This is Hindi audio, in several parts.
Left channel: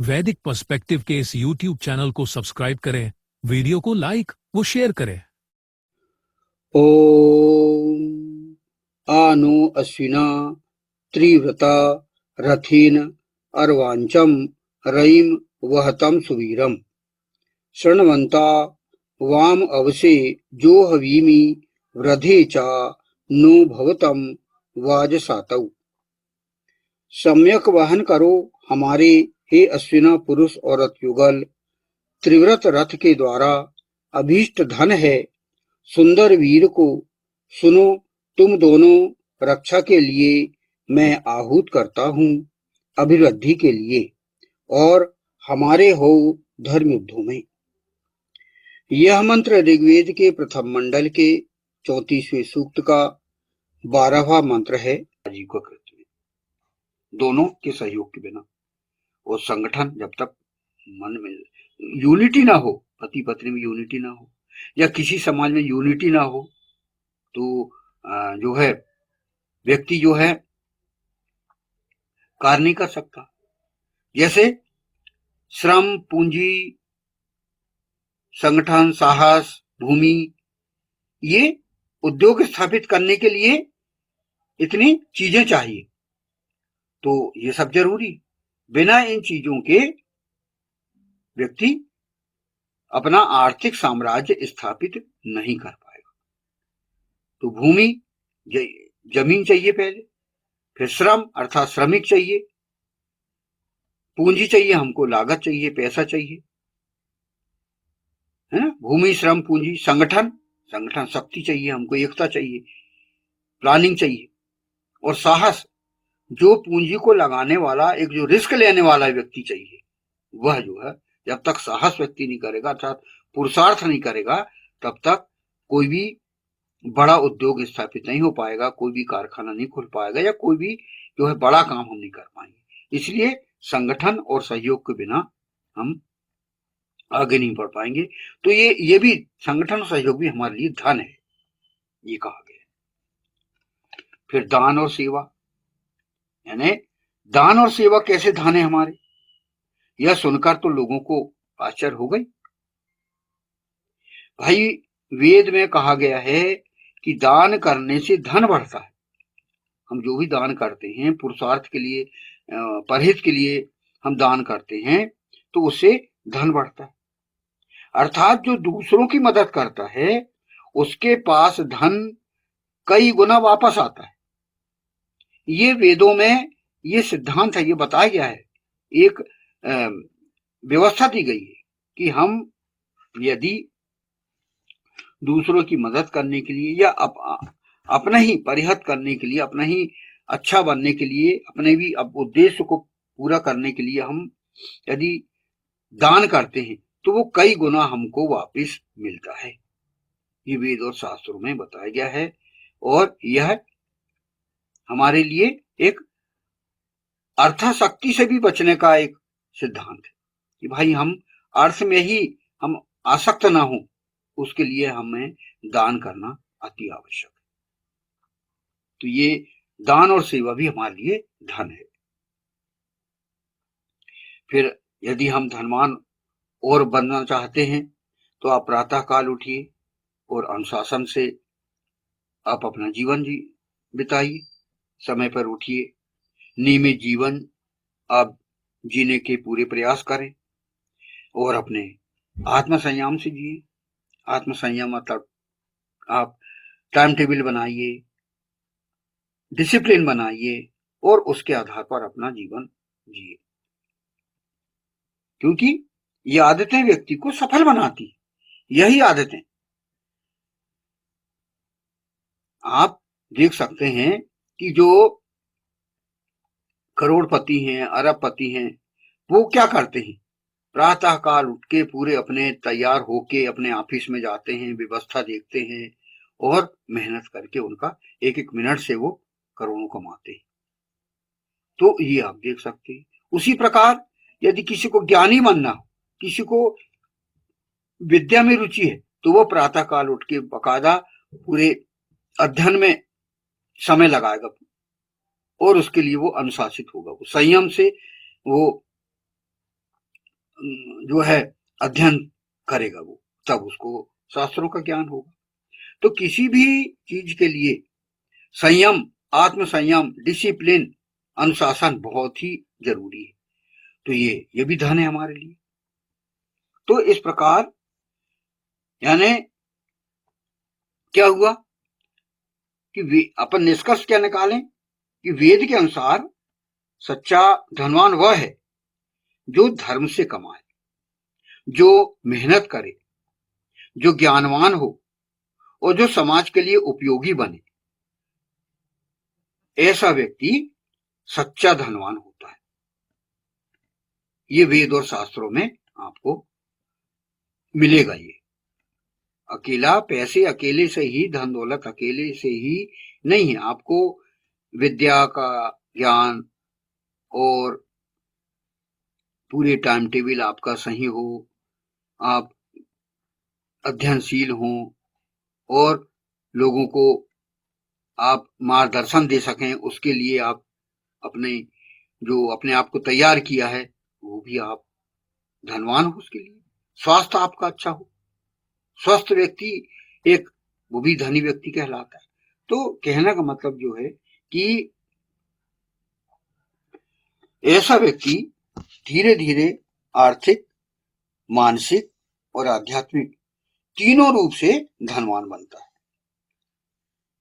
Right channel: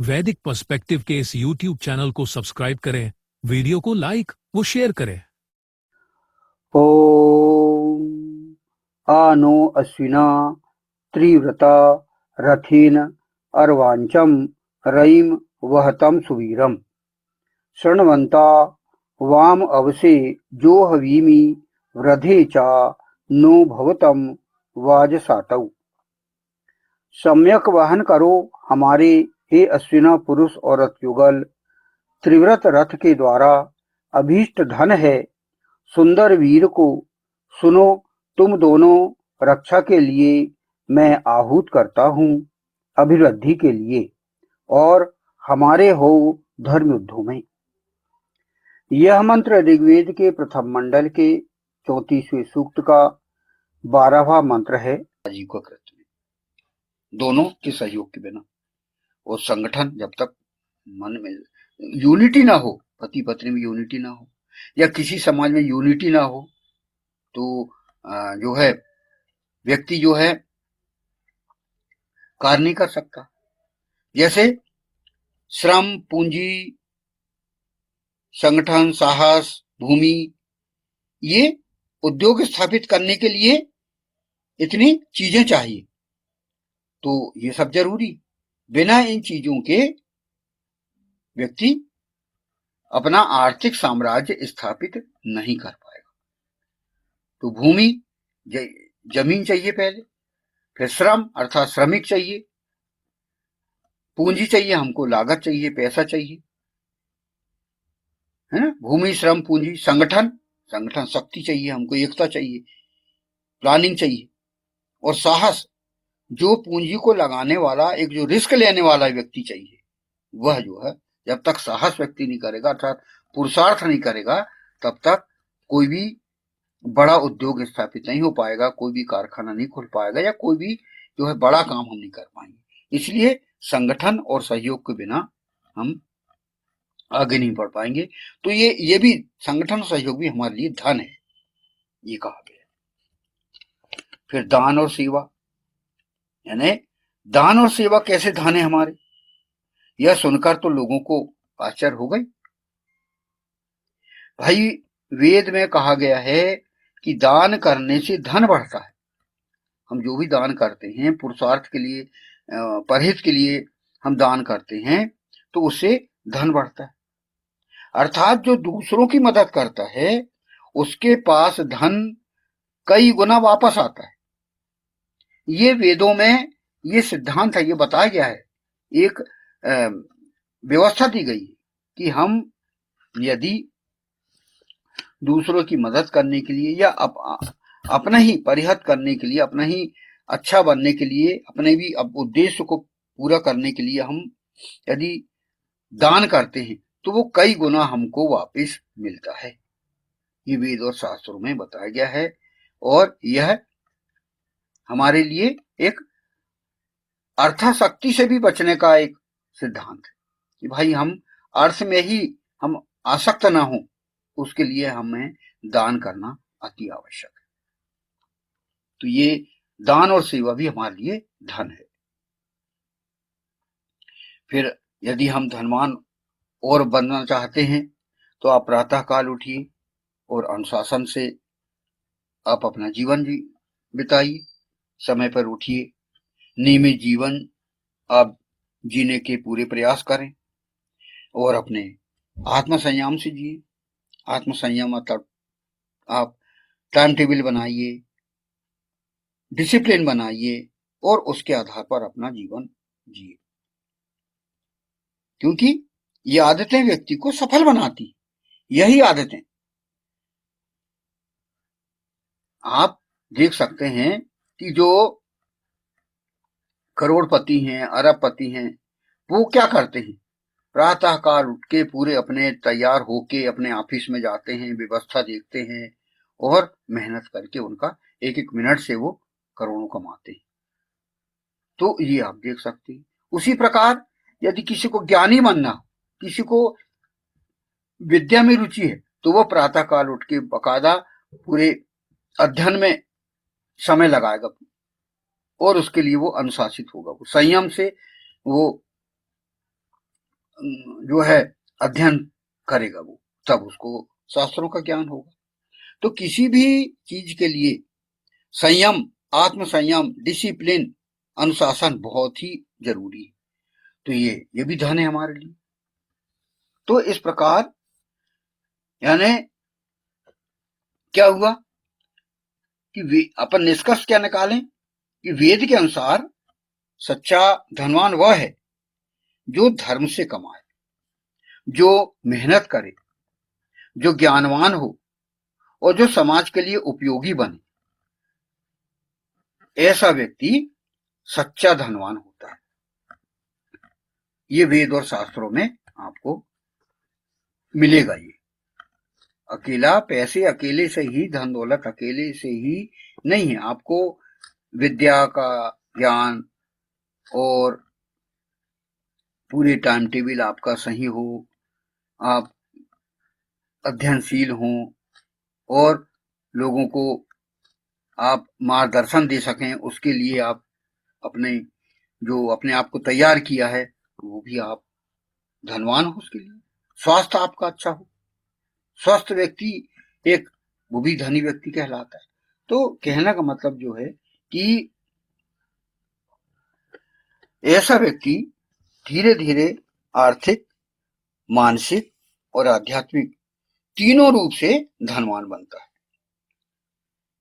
वैदिक पर्सपेक्टिव के इस यूट्यूब चैनल को सब्सक्राइब करें, वीडियो को लाइक व शेयर करें। ओम आ नो अश्विना त्रिव्रता रथीन अर्वांचम रयिम वहतम सुवीरम शृण्वन्ता वाम अवसे जो हवीमि वृधे चा नो भवतम वाजसातौ। सम्यक वहन करो हमारे हे अश्विना पुरुष औरत युगल। त्रिव्रत रथ के द्वारा अभीष्ट धन है। सुंदर वीर को सुनो, तुम दोनों रक्षा के लिए मैं आहूत करता हूँ, अभिवृद्धि के लिए, और हमारे हो धर्म युद्धों में। यह मंत्र ऋग्वेद के प्रथम मंडल के 34वें सूक्त का 12वां मंत्र है। आजीविका कृत में दोनों के सहयोग के बिना वो संगठन जब तक मन में यूनिटी ना हो, पति पत्नी में यूनिटी ना हो, या किसी समाज में यूनिटी ना हो, तो जो है व्यक्ति जो है कार्य नहीं कर सकता। जैसे श्रम, पूंजी, संगठन, साहस, भूमि, ये उद्योग स्थापित करने के लिए इतनी चीजें चाहिए, तो ये सब जरूरी। बिना इन चीजों के व्यक्ति अपना आर्थिक साम्राज्य स्थापित नहीं कर पाएगा। तो भूमि, जमीन चाहिए पहले, फिर श्रम अर्थात श्रमिक चाहिए, पूंजी चाहिए, हमको लागत चाहिए, पैसा चाहिए, है ना। भूमि, श्रम, पूंजी, संगठन, संगठन शक्ति चाहिए, हमको एकता चाहिए, प्लानिंग चाहिए, और साहस, जो पूंजी को लगाने वाला, एक जो रिस्क लेने वाला व्यक्ति चाहिए। वह जो है जब तक साहस व्यक्ति नहीं करेगा अर्थात पुरुषार्थ नहीं करेगा, तब तक कोई भी बड़ा उद्योग स्थापित नहीं हो पाएगा, कोई भी कारखाना नहीं खुल पाएगा, या कोई भी जो है बड़ा काम हम नहीं कर पाएंगे। इसलिए संगठन और सहयोग के बिना हम आगे नहीं बढ़ पाएंगे। तो ये भी संगठन सहयोग भी हमारे लिए धन है, ये कहा गया। फिर दान और सेवा, यानी दान और सेवा कैसे धन है हमारे, यह सुनकर तो लोगों को आश्चर्य हो गई। भाई, वेद में कहा गया है कि दान करने से धन बढ़ता है। हम जो भी दान करते हैं पुरुषार्थ के लिए, परहित के लिए हम दान करते हैं, तो उससे धन बढ़ता है। अर्थात जो दूसरों की मदद करता है उसके पास धन कई गुना वापस आता है। ये वेदों में ये सिद्धांत है, ये बताया गया है, एक व्यवस्था दी गई है कि हम यदि दूसरों की मदद करने के लिए, या अपना ही परिहत करने के लिए, अपना ही अच्छा बनने के लिए, अपने भी उद्देश्य को पूरा करने के लिए हम यदि दान करते हैं, तो वो कई गुना हमको वापस मिलता है। ये वेद और शास्त्रों में बताया गया है, और यह हमारे लिए एक अर्थाशक्ति से भी बचने का एक सिद्धांत है कि भाई हम अर्थ में ही हम आसक्त ना हो, उसके लिए हमें दान करना अति आवश्यक है। तो ये दान और सेवा भी हमारे लिए धन है। फिर यदि हम धनवान और बनना चाहते हैं, तो आप प्रातः काल उठिए और अनुशासन से आप अपना जीवन बिताइए, समय पर उठिए, नियमित जीवन आप जीने के पूरे प्रयास करें, और अपने आत्म संयम से जिए। आत्म संयम मतलब आप टाइम टेबल बनाइए, डिसिप्लिन बनाइए, और उसके आधार पर अपना जीवन जिए, क्योंकि ये आदतें व्यक्ति को सफल बनाती। यही आदतें आप देख सकते हैं कि जो करोड़पति हैं, अरबपति हैं, वो क्या करते हैं, प्रातः काल उठ के पूरे अपने तैयार होके अपने ऑफिस में जाते हैं, व्यवस्था देखते हैं, और मेहनत करके उनका एक एक मिनट से वो करोड़ों कमाते हैं। तो ये आप देख सकते हैं। उसी प्रकार यदि किसी को ज्ञानी बनना हो, किसी को विद्या में रुचि है, तो वह प्रातः काल उठ के बाकायदा पूरे अध्ययन में समय लगाएगा, और उसके लिए वो अनुशासित होगा, वो संयम से वो जो है अध्ययन करेगा वो, तब उसको शास्त्रों का ज्ञान होगा। तो किसी भी चीज के लिए संयम, आत्म संयम, डिसिप्लिन, अनुशासन बहुत ही जरूरी है। तो ये भी धन है हमारे लिए। तो इस प्रकार यानी क्या हुआ कि अपन निष्कर्ष क्या निकालें कि वेद के अनुसार सच्चा धनवान वह है जो धर्म से कमाए, जो मेहनत करे, जो ज्ञानवान हो और जो समाज के लिए उपयोगी बने। ऐसा व्यक्ति सच्चा धनवान होता है। ये वेद और शास्त्रों में आपको मिलेगा। ये अकेला पैसे अकेले से ही, धन दौलत अकेले से ही नहीं है। आपको विद्या का ज्ञान और पूरे टाइम टेबल आपका सही हो, आप अध्ययनशील हों और लोगों को आप मार्गदर्शन दे सकें, उसके लिए आप अपने आप को तैयार किया है, वो भी आप धनवान हो उसके लिए। स्वास्थ्य आपका अच्छा हो, स्वस्थ व्यक्ति एक वो भी धनी व्यक्ति कहलाता है। तो कहने का मतलब जो है कि ऐसा व्यक्ति धीरे धीरे आर्थिक, मानसिक और आध्यात्मिक तीनों रूप से धनवान बनता है।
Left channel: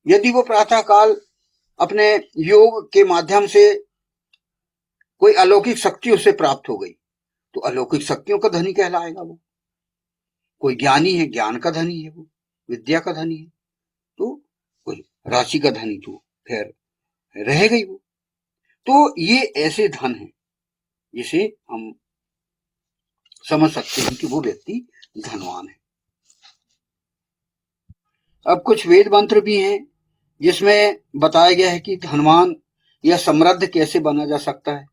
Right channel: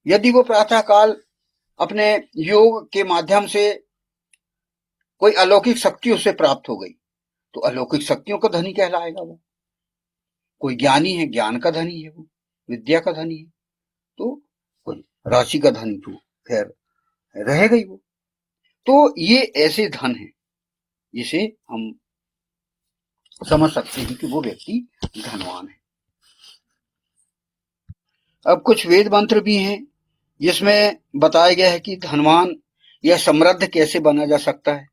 यदि वो प्रातः काल अपने योग के माध्यम से कोई अलौकिक शक्ति उसे प्राप्त हो गई तो अलौकिक शक्तियों का धनी कहलाएगा वो। कोई ज्ञानी है, ज्ञान का धनी है वो, विद्या का धनी है। तो कोई राशि का धनी तो खैर रहेगा ही वो। तो ये ऐसे धन है जिसे हम समझ सकते हैं कि वो व्यक्ति धनवान है। अब कुछ वेद मंत्र भी हैं जिसमें बताया गया है कि धनवान या समृद्ध कैसे बना जा सकता है।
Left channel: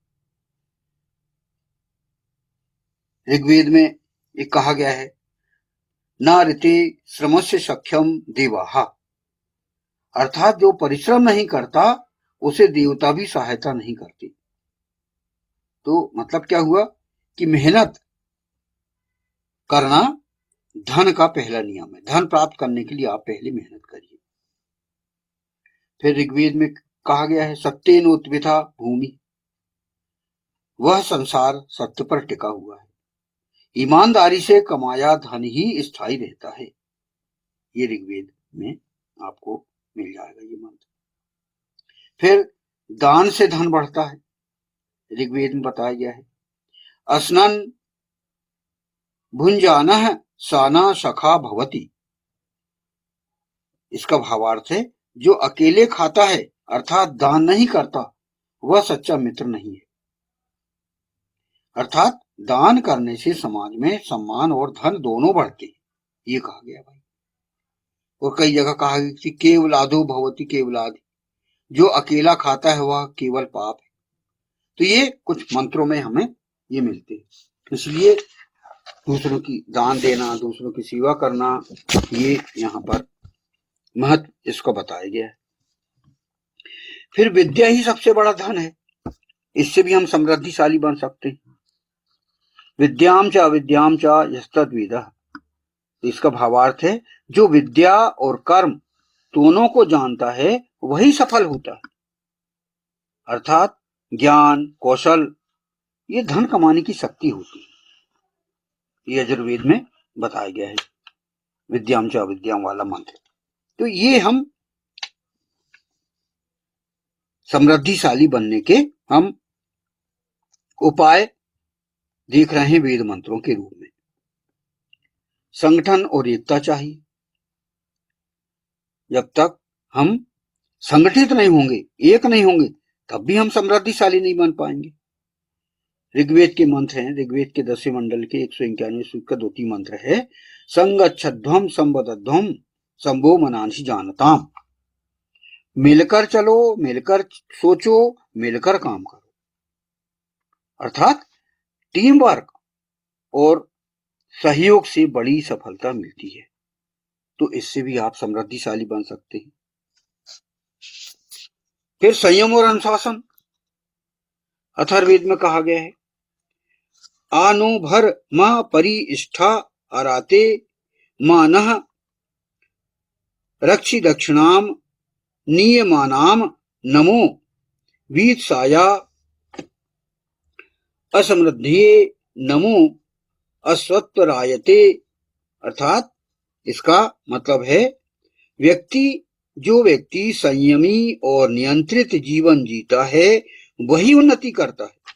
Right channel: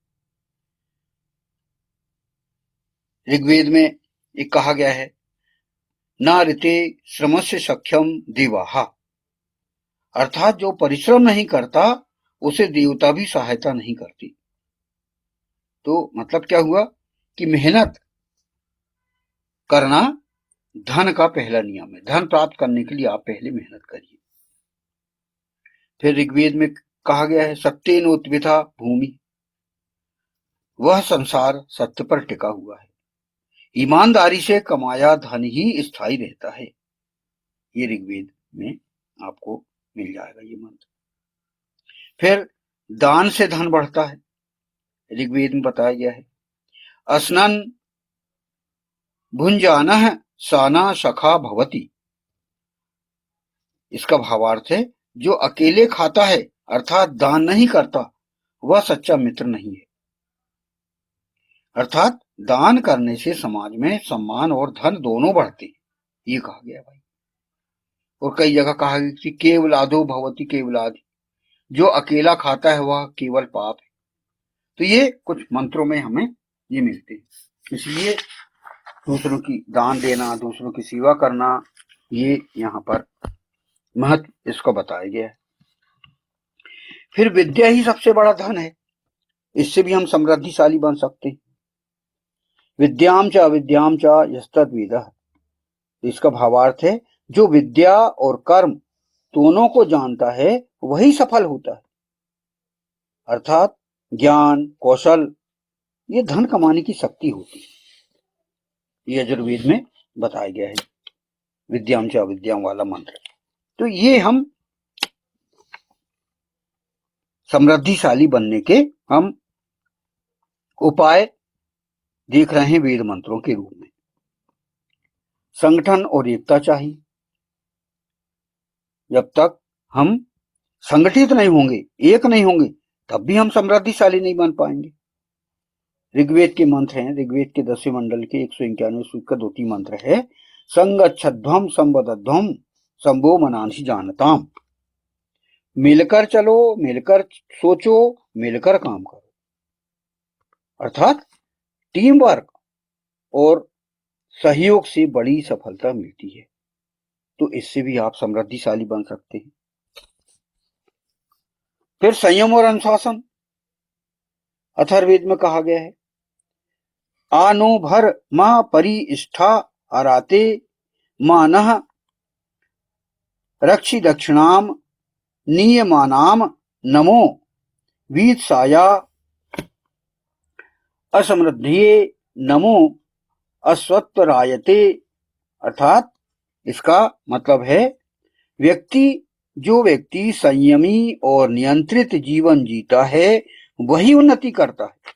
ऋग्वेद में एक कहा गया है, न ऋते श्रमस्य सख्यम देवाहा, अर्थात जो परिश्रम नहीं करता उसे देवता भी सहायता नहीं करती। तो मतलब क्या हुआ कि मेहनत करना धन का पहला नियम है। धन प्राप्त करने के लिए आप पहले मेहनत करिए। फिर ऋग्वेद में कहा गया है, सत्येन उत्विता भूमि, वह संसार सत्य पर टिका हुआ है। ईमानदारी से कमाया धन ही स्थायी रहता है। ये ऋग्वेद में आपको मिल जाएगा ये मंत्र। फिर दान से धन बढ़ता है। ऋग्वेद में बताया गया है, अस्नन भुंजानः साना सखा भवति। इसका भावार्थ है, जो अकेले खाता है अर्थात दान नहीं करता वह सच्चा मित्र नहीं है। अर्थात दान करने से समाज में सम्मान और धन दोनों बढ़ते हैं, ये कहा गया भाई। और कई जगह कहा गया कि केवलादो भवति केवलादि, जो अकेला खाता है वह केवल पाप है। तो ये कुछ मंत्रों में हमें ये मिलते हैं। इसलिए दूसरों की दान देना, दूसरों की सेवा करना, ये यहाँ पर महत्व इसको बताया गया है। फिर विद्या ही सबसे बड़ा धन है, इससे भी हम समृद्धिशाली बन सकते हैं। विद्याम च अविद्याम च यस्तद्विदः, इसका भावार्थ है, जो विद्या और कर्म दोनों को जानता है वही सफल होता है। अर्थात ज्ञान, कौशल, ये धन कमाने की शक्ति होती है। ये यजुर्वेद में बताया गया है, विद्याम च अविद्याम वाला मंत्र। तो ये हम समृद्धिशाली बनने के हम उपाय देख रहे हैं वेद मंत्रों के रूप में। संगठन और एकता चाहिए। जब तक हम संगठित नहीं होंगे, एक नहीं होंगे, तब भी हम समृद्धिशाली नहीं बन पाएंगे। ऋग्वेद के मंत्र हैं, ऋग्वेद के 10वें मंडल के 191वें सूक्त का 2 मंत्र है, संगच्छध्वम संवदध्वम संभो मनांसि जानताम। मिलकर चलो, मिलकर सोचो, मिलकर काम करो। अर्थात टीम वर्क और सहयोग से बड़ी सफलता मिलती है। तो इससे भी आप समृद्धिशाली बन सकते हैं। फिर संयम और अनुशासन, अथर्ववेद में कहा गया है, आनो भर मह परिष्ठा आराते मानः रक्षि दक्षिणाम नियमानाम नमो वीत्साया असमृद्धिये नमो अश्वत्थरायते। अर्थात इसका मतलब है जो व्यक्ति संयमी और नियंत्रित जीवन जीता है वही उन्नति करता है।